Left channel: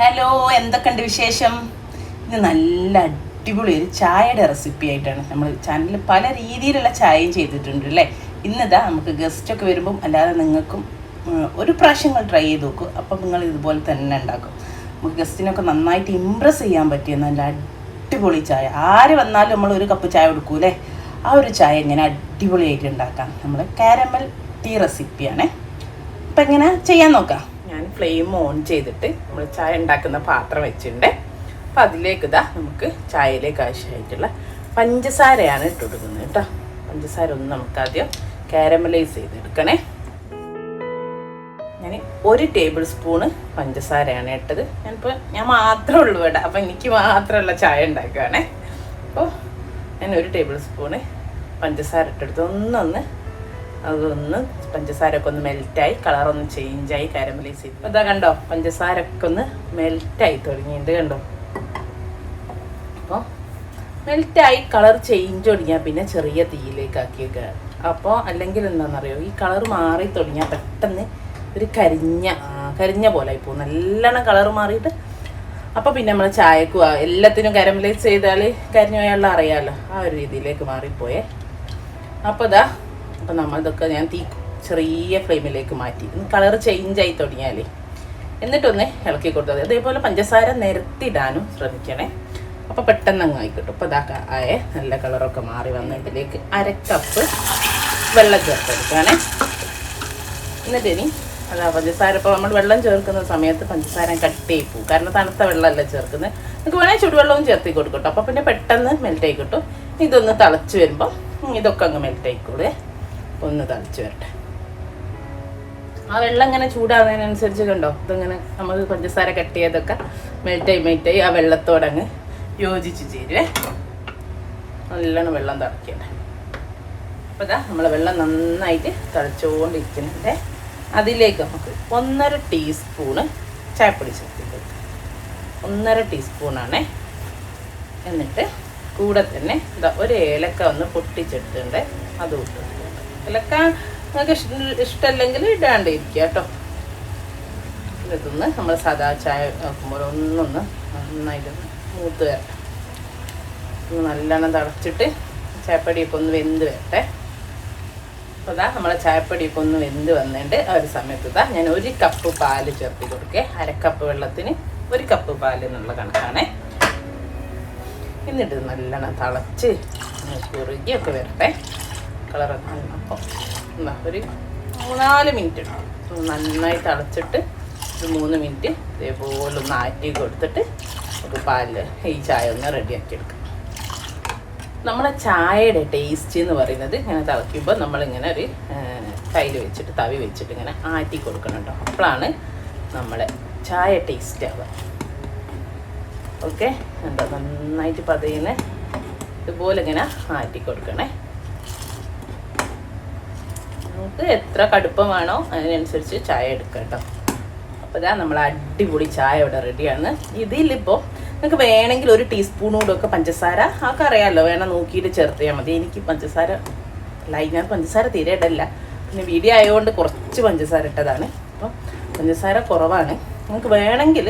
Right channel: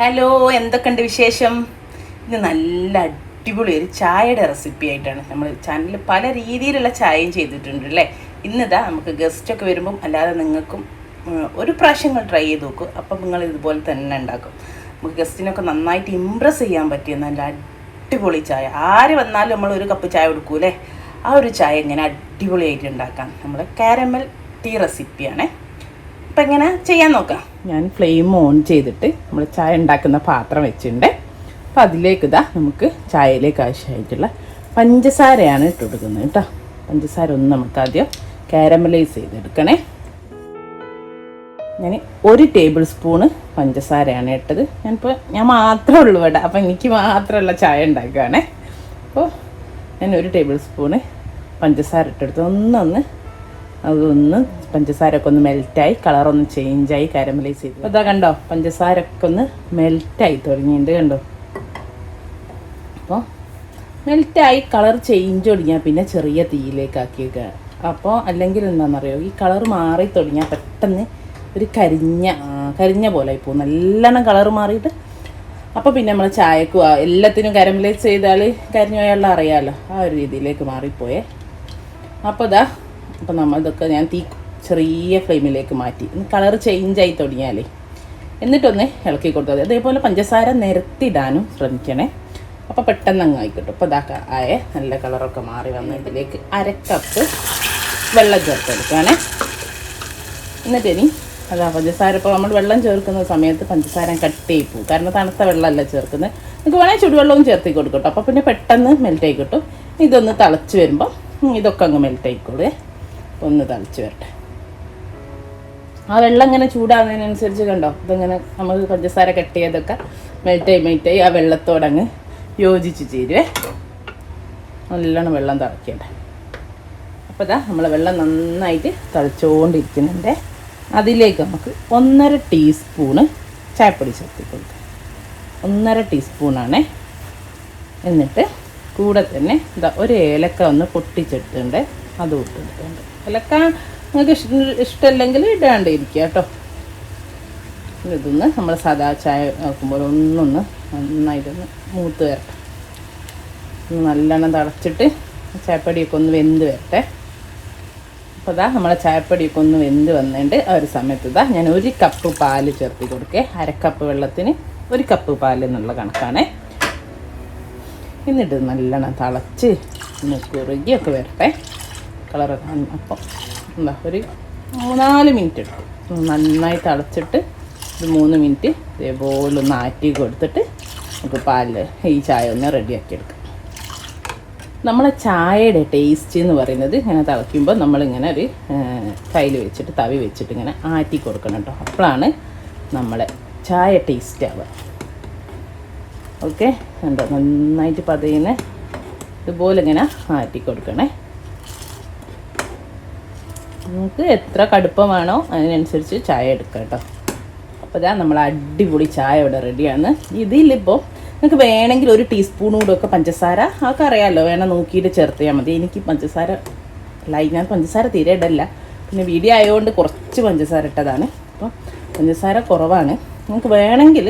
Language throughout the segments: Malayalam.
ഹലോ എന്തൊക്കെയുണ്ട് വിശേഷം? ഇത് നല്ല അടിപൊളി ഒരു ചായയുടെ റെസിപ്പി ആയിട്ടാണ് നമ്മൾ ചാനലിൽ പല രീതിയിലുള്ള ചായയും ചെയ്തിട്ടുണ്ട് അല്ലേ? ഇന്നിതാ നമുക്ക് ഗസ്റ്റൊക്കെ വരുമ്പം അല്ലാതെ നിങ്ങൾക്കും ഒരു പ്രാവശ്യം നിങ്ങൾ ട്രൈ ചെയ്ത് നോക്കും. അപ്പം നിങ്ങൾ ഇതുപോലെ തന്നെ ഉണ്ടാക്കും. നമുക്ക് ഗസ്റ്റിനൊക്കെ നന്നായിട്ട് ഇമ്പ്രസ് ചെയ്യാൻ പറ്റിയ നല്ല അടിപൊളി ചായ. ആര് വന്നാലും നമ്മൾ ഒരു കപ്പ് ചായ കൊടുക്കൂലേ ആ ഒരു ചായ എങ്ങനെ അടിപൊളിയായിട്ട് ഉണ്ടാക്കാം. നമ്മൾ കാരമൽ ടീ റെസിപ്പിയാണ് അപ്പം എങ്ങനെ ചെയ്യാൻ നോക്കാം? ഞാൻ ഫ്ലെയിം ഓൺ ചെയ്തിട്ട് നമ്മൾ ചായ ഉണ്ടാക്കുന്ന പാത്രം വെച്ചിട്ടുണ്ട്. അപ്പം അതിലേക്ക് ഇതാ നമുക്ക് ചായയിലേക്ക് ആവശ്യമായിട്ടുള്ള പഞ്ചസാരയാണ് ഇട്ട് കൊടുക്കുന്നത് കേട്ടോ. പഞ്ചസാര ഒന്ന് നമുക്ക് ആദ്യം കാരമലൈസ് ചെയ്തെടുക്കണേ. ഞാൻ ഒരു ടേബിൾ സ്പൂണ് പഞ്ചസാരയാണ് ഇട്ടത്. ഞാനിപ്പോൾ ഞാൻ മാത്രമേ ഉള്ളൂ ഇവിടെ. അപ്പം എനിക്ക് മാത്രമല്ല ചായ ഉണ്ടാക്കുകയാണേ. അപ്പോൾ ഞാൻ ഒരു ടേബിൾ സ്പൂണ് പഞ്ചസാര ഇട്ടെടുത്ത് ഒന്നൊന്ന് അതൊന്ന് പഞ്ചസാര ഒക്കെ ഒന്ന് മെൽറ്റായി കളറൊന്ന് ചേഞ്ചായി കാരമലൈസ് ചെയ്തു. അതാ കണ്ടോ പഞ്ചസാര ഒക്കെ ഒന്ന് മെൽറ്റായി തുടങ്ങിയിട്ടുണ്ട് കണ്ടോ? അപ്പോൾ മെൽറ്റായി കളർ ചേഞ്ച് തുടങ്ങിയാൽ പിന്നെ ചെറിയ തീയിലേക്ക് ആക്കി വെക്കുക അപ്പോൾ അല്ലെങ്കിൽ എന്താണെന്നറിയോ ഈ കളർ മാറി തുടങ്ങിയാൽ പെട്ടെന്ന് ഒരു കരിഞ്ഞ കരിഞ്ഞ പോലെ ഇപ്പോൾ നല്ലോണം കളർ മാറിയിട്ട് അപ്പോൾ പിന്നെ നമ്മൾ ചായക്കും എല്ലാത്തിനും കരമലൈസ് ചെയ്താൽ കരിഞ്ഞ പോയാലുള്ള അറിയാമല്ലോ ആ ഒരു രീതിയിലേക്ക് മാറിപ്പോയേ. അപ്പോൾ ഇതാ അപ്പോൾ നമ്മൾ ഇതൊക്കെ ഞാൻ തീ ചെറിയ ഫ്ലെയിമിലേക്ക് മാറ്റി. കളർ ചേഞ്ച് ആയി തുടങ്ങിയാലേ. എന്നിട്ടൊന്ന് ഇളക്കി കൊടുത്താൽ അതേപോലെ പഞ്ചസാര നിരത്തിയിടാനും ശ്രമിക്കണേ. അപ്പോൾ പെട്ടെന്ന് അങ്ങ് ആയിക്കിട്ടും അപ്പോൾ ഇതാ ആയ നല്ല കളറൊക്കെ മാറി വന്ന ഇതിലേക്ക് അരക്കപ്പ് വെള്ളം ചേർത്തെടുക്കുകയാണേ എന്നിട്ട് ഇനി അതാ പഞ്ചസാര ഇപ്പോൾ നമ്മൾ വെള്ളം ചേർക്കുന്ന സമയത്ത് പഞ്ചസാര കട്ടിയായി പോകും. കാരണം തണുത്ത വെള്ളമല്ല ചേർക്കുന്നത്. നിങ്ങൾക്ക് വേണമെങ്കിൽ ചുടുവെള്ളവും ചേർത്തി കൊടുക്കട്ടോ. അപ്പോൾ പിന്നെ പെട്ടെന്ന് മെൽറ്റ് ആയി കിട്ടും. ഇതൊന്ന് തിളച്ച് വരുമ്പോൾ ഇതൊക്കെ അങ്ങ് മെൽറ്റ് ആയിക്കോളേ ഒന്ന് തിളച്ച് വരട്ടെ. ആ വെള്ളം ഇങ്ങനെ ചൂടാകുന്നതിനനുസരിച്ച് കണ്ടോ? ഇതിങ്ങനെ നമുക്ക് പഞ്ചസാര കട്ട് ചെയ്തൊക്കെ മെൽറ്റായി മെൽറ്റായി ആ വെള്ളത്തോടങ്ങ് യോജിച്ച് ചേരുവേ. നല്ലോണം വെള്ളം തിളക്കണ്ടേ അപ്പോൾ ഇതാ നമ്മൾ വെള്ളം നന്നായിട്ട് തിളച്ചുകൊണ്ടിരിക്കുന്നുണ്ട് അതിലേക്ക് നമുക്ക് ഒന്നര ടീസ്പൂണ് ചായപ്പൊടി ചേർത്ത് ഒന്നര ടീസ്പൂണാണേ. എന്നിട്ട് കൂടെ തന്നെ ഇതാ ഒരു ഏലക്ക ഒന്ന് പൊട്ടിച്ചെടുത്തിട്ടുണ്ട്. അത് ഇട്ടിട്ടുണ്ട് ഏലക്ക നിങ്ങൾക്ക് ഇഷ്ട ഇഷ്ടമല്ലെങ്കിൽ ഇടാണ്ടിരിക്കുക കേട്ടോ. ഇതൊന്ന് നമ്മൾ സാധാ ചായ നോക്കുമ്പോൾ ഒന്നൊന്ന് നന്നായിട്ടൊന്ന് മൂത്ത് വരട്ടെ ഒന്ന് നല്ലോണം തിളച്ചിട്ട് ചായപ്പൊടിയൊക്കെ ഒന്ന് വെന്ത് വരട്ടെ. അപ്പോൾ ഇതാ നമ്മളെ ചായപ്പൊടിയൊക്കെ ഒന്ന് വെന്ത് വന്നിട്ട് ആ ഒരു സമയത്ത് ഇതാ ഞാൻ ഒരു കപ്പ് പാൽ ചേർത്ത് കൊടുക്കേ. അരക്കപ്പ് വെള്ളത്തിന് ഒരു കപ്പ് പാൽ എന്നുള്ള കണക്കാണേ. എന്നിട്ട് നല്ലോണം തിളച്ച് ഒന്ന് കുറുകിയൊക്കെ വരട്ടെ. കളറൊക്കെ അപ്പോൾ എന്താ ഒരു മൂന്നാൽ മിനിറ്റ് നന്നായി തിളച്ചിട്ട് മൂന്ന് മിനിറ്റ് ഇതേപോലെ ഒന്ന് ആറ്റി കൊടുത്തിട്ട് നമുക്ക് പാലിൽ ഈ ചായ ഒന്ന് റെഡിയാക്കി എടുക്കാം. നമ്മളെ ചായയുടെ ടേസ്റ്റ് എന്ന് പറയുന്നത് ഇങ്ങനെ തിളയ്ക്കുമ്പോൾ നമ്മളിങ്ങനെ ഒരു കയ്യിൽ വെച്ചിട്ട് തവി വെച്ചിട്ട് ഇങ്ങനെ ആറ്റി കൊടുക്കണം കേട്ടോ. അപ്പോഴാണ് നമ്മളെ ചായ ടേസ്റ്റ് ആവുക. ഓക്കെ എന്താ നന്നായിട്ട് പതയുന്ന ഇതുപോലെ ഇങ്ങനെ ആറ്റി കൊടുക്കണേ. നമുക്ക് എത്ര കടുപ്പം വേണോ അതിനനുസരിച്ച് ചായ എടുക്കാം കേട്ടോ. അപ്പോൾ ഇതാ നമ്മൾ അടിപൊളി ചായ ഇവിടെ റെഡിയാണ്. ഇതിലിപ്പോൾ നിങ്ങൾക്ക് വേണമെങ്കിൽ ഒരു ടീസ്പൂൺ കൂടെ ഒക്കെ പഞ്ചസാര അതൊക്കെ അറിയാമല്ലോ വേണം നോക്കിയിട്ട് ചേർത്തിയാൽ മതി. എനിക്ക് പഞ്ചസാര ലൈനാ പഞ്ചസാര തീരെ ഇടല്ല. പിന്നെ വീഡിയോ ആയതുകൊണ്ട് കുറച്ച് പഞ്ചസാര ഇട്ടതാണ്. അപ്പോൾ പഞ്ചസാര കുറവാണ്. നിങ്ങൾക്ക് വേണമെങ്കിൽ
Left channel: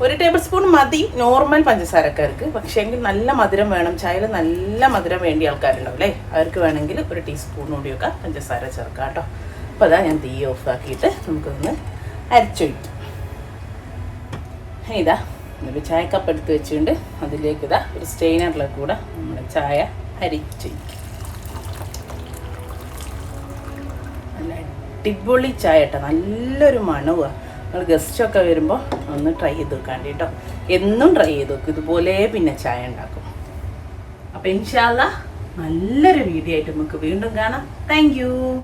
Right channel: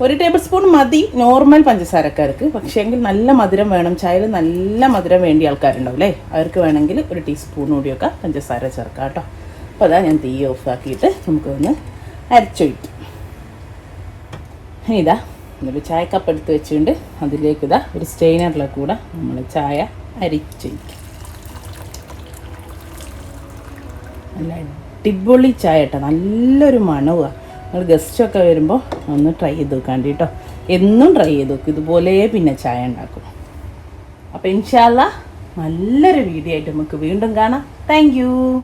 ഒരു ടേബിൾ സ്പൂൺ മതി. നോർമൽ പഞ്ചസാരക്കാർക്ക്. പക്ഷേ എങ്കിൽ നല്ല മധുരം വേണം. ചായയിൽ നല്ല മധുരം വേണ്ടിയ ആൾക്കാരുണ്ടാവും അല്ലേ? അവർക്ക് വേണമെങ്കിൽ ഒരു ടീസ്പൂൺ കൂടിയൊക്കെ പഞ്ചസാര ചേർക്കാം കേട്ടോ. അപ്പോൾ അതാ ഞാൻ തീ ഓഫ് ആക്കിയിട്ട് നമുക്കൊന്ന് അരച്ചൊഴിക്കും. ഇനി ഇതാ ചായ കപ്പ് എടുത്ത് വെച്ചുകൊണ്ട് അതിലേക്ക് ഇതാ ഒരു സ്റ്റെയിനറിലെ കൂടെ നമ്മൾ ചായ അരിച്ചൊഴിക്കും. നല്ല അടിപൊളി ചായ കേട്ടോ. നല്ലൊരു മണവുമാണ് നിങ്ങൾ ഗസ്റ്റൊക്കെ വരുമ്പോൾ ഒന്ന് ട്രൈ ചെയ്ത് നോക്കാണ്ട് കേട്ടോ എന്നും ട്രൈ ചെയ്ത് നോക്കും. ഇതുപോലെ പിന്നെ ചായ ഉണ്ടാക്കും. അപ്പോൾ ഇൻഷാല്ല നല്ലൊരു വീഡിയോ ആയിട്ട് നമുക്ക് വീണ്ടും കാണാം. താങ്ക്